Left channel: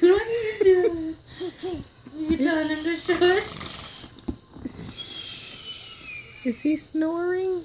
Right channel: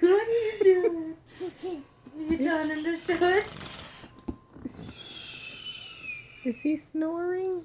What are you doing? You telling him to shush? Is he snoring?